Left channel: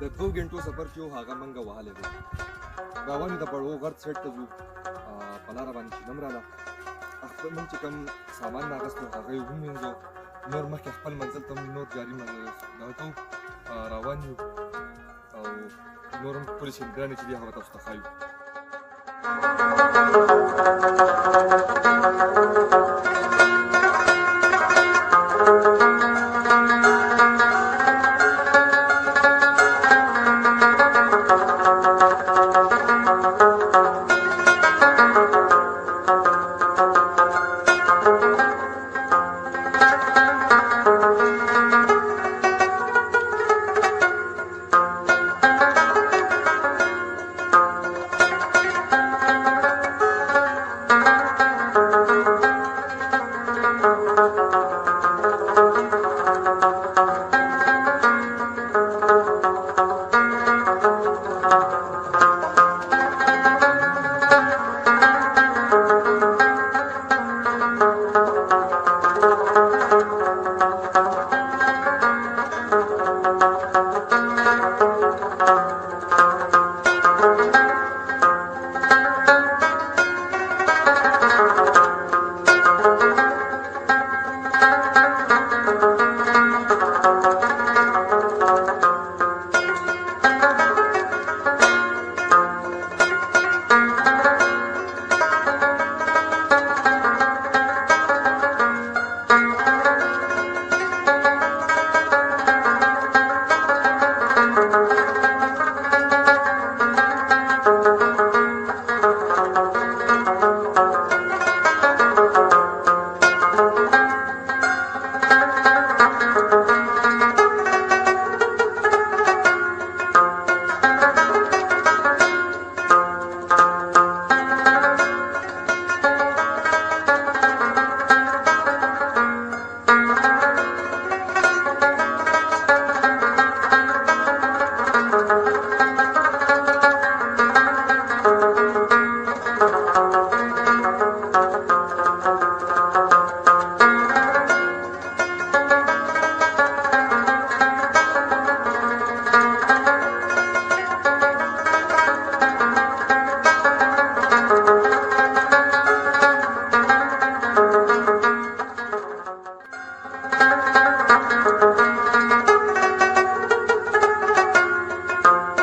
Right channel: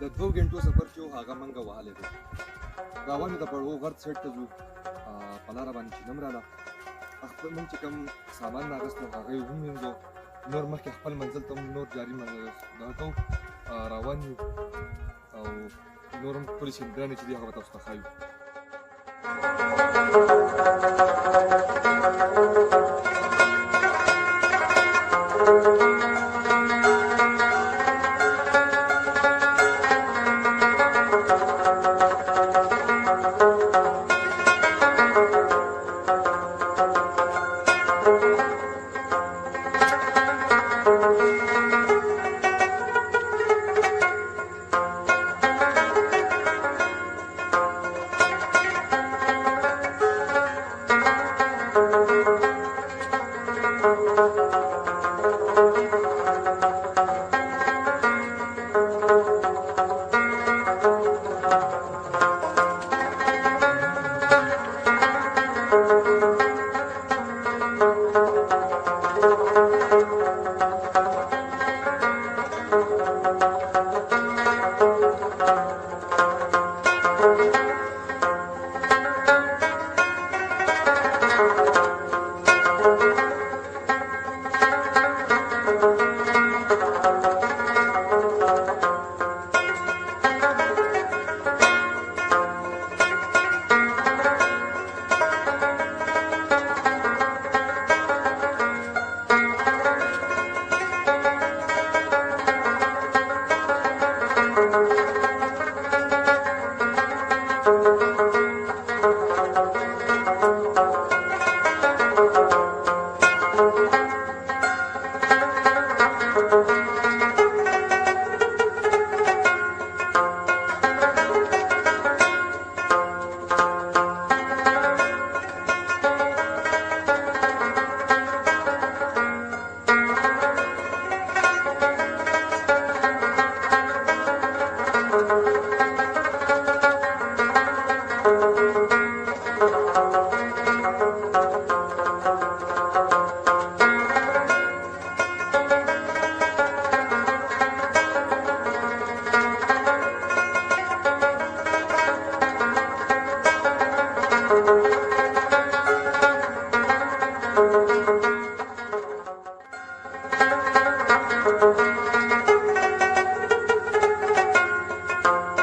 د 2 غنټو سفر چې هغه منګه وهلی دی. روان یو د بړو غر سیټ ته ځو. په لاره باندې چې نم راله خپل موږ چې کوم سامان راغست نو هغه یې ومینځو. نور مخکې خپل منزل ته نور جاري دغه کوو، روان یو او نور هم ټولې شیندنې چې دي هغه به تاسو ته ښایو.